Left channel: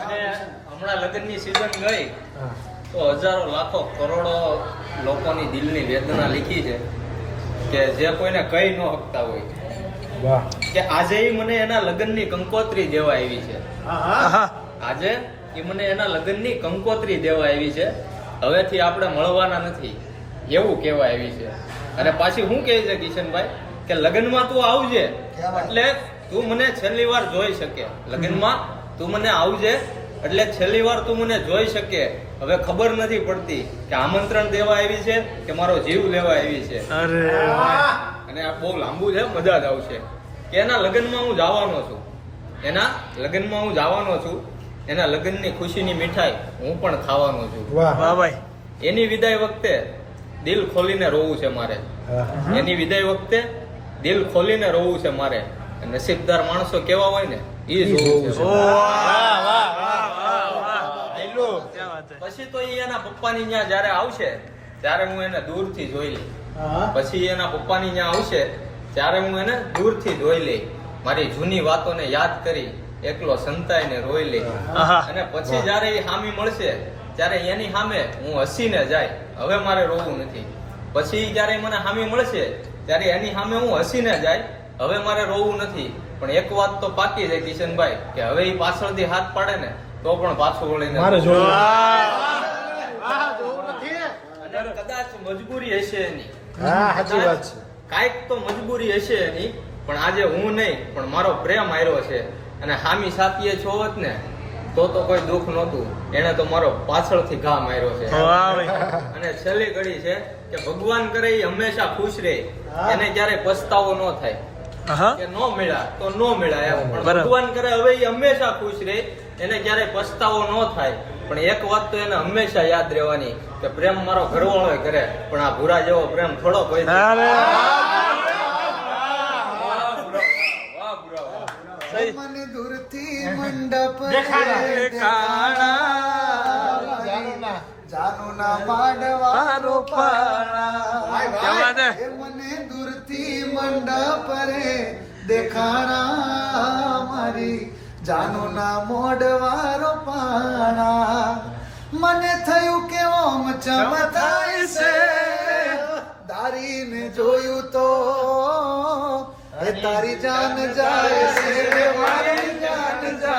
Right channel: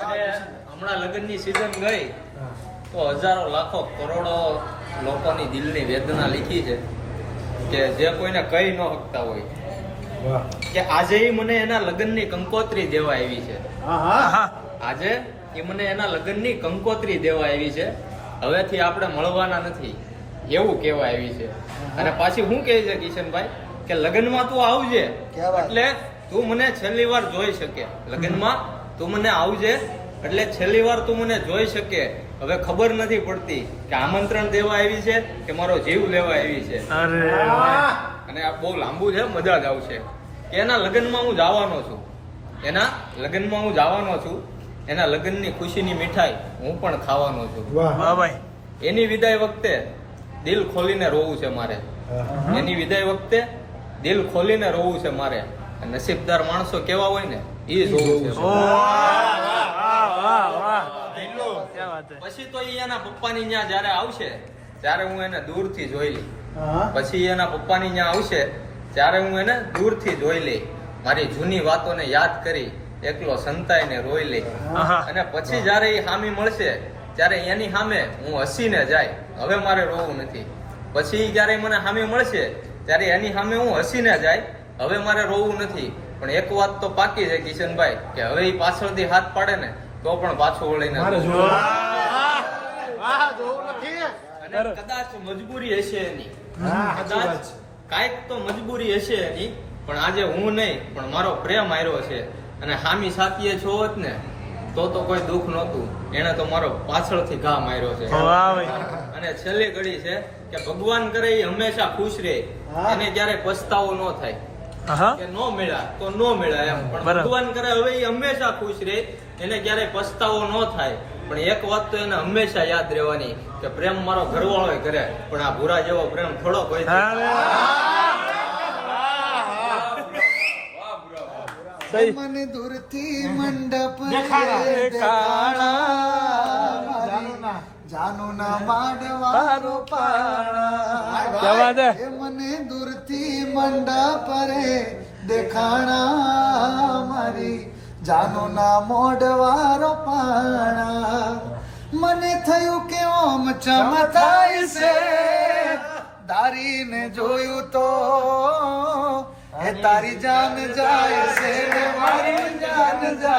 અને હમણાં લગ્નની સીઝન ગઈ તો હજારો લાખો કરોડો લોકોની દિલની વેદના લીખી છે કે જે કોઈને કહી ન શકતા હોય કે આજે મને એના લગ્નની કંકોત્રી દેવા આવી છે. આજે એ મને એના લગ્નની કંકોત્રી દેવા આવી છે. હવેથી આપણે મળવાના નથી એવું કહેવા આવી છે. અને પાછી શું કહે છે કિશનભાઈ કે લગ્નમાં તું આવજે એટલે તું મને છેલ્લી વાર જોઈ શકે. લગ્નમાં તું મને આવજે એટલે છેલ્લી વાર તું મને જોઈ શકે. હવે ખબર નથી પડતી કે આમંત્રણ દેવા આવી છે કે મારો જીવ લેવા આવી છે. અને આ બહુ લાંબુ છે, મજા જ આવશે કે એના લગ્નમાં હું જવાનો છું. એના લગ્નમાં હું જવાનો છું. એના લગ્નની ખુશીની મીઠાઈ હું પણ ખાવાનો છું. એની વિદાય વખતે દિલ ખોલીને રોવું છે મારે. એની વિદાય વખતે દિલ ખોલીને રોવું છે મારે. નસીબદાર માણસો કેવા હોય ને એ જોવું છે. પછી તો એના પપ્પાની ત્યાં જયારે આવશે ત્યારે હું એને દૂરથી જોઈ લઈ. પછી એના પપ્પાની ત્યાં આવશે ત્યારે હું એને દૂરથી જોઈ લઈ. મારી જૂની વાતોને યાદ કરી એકલો સંતાઈને રોઈ લઈ. અને પછી જયારે એ હામી મળશે ત્યારે એની સામે હું હસીને જાય. હવે મારે રોવું નથી. પછી જયારે મને હામી મળશે ત્યારે એની સામે હું હસીને જાય. હવે મારે રોવું નથી. પણ એક વાત તો પાકી છે કિશનભાઈ કે હવે એ પાછળથી હાથ પાડે ને તો પણ પાછું વળીને કદાચ મજબૂરી હશે એની. કદાચ કાંઈક તો મજબૂરી હશે એની. પણ આજે હું નહીં પણ મારો પ્રેમ આવ્યો છે. અને હામી સાથીએ છો હોત ને તો કોઈ દુઃખ નહોતું. એને તો મારો પાછળથી ઘા માર્યો છે. અને છેલ્લી ઘડી છે કે ભગવાન કરે એ હંમેશા ખુશ રહે. એને ક્યારે પસ્તાવો ન થાય કે નો મળ્યા તો નો મળ્યા એમ. પણ ભગવાન કરે હવે એ હંમેશા ખુશ રહે. એને ક્યારે પસ્તાવો ન થાય. પણ એક વાત તો એને હંમેશા યાદ રહેવાની કે પ્રેમ મારો ઘરવાળો કરે પણ આ ભૂરા જેવો પ્રેમ થોડો કોઈ. મને દૂરથી મંડપ જાનું ના માંડવારો પાણા. મને દૂરથી મંડપ રે દેખાણા મારી જાનું ના મોઢવારો પાણા. મને થયું કે ઓમ ચમકાય છે દારીને જોયું તો એ તારી જાન જાય છે મારી જાન જાય.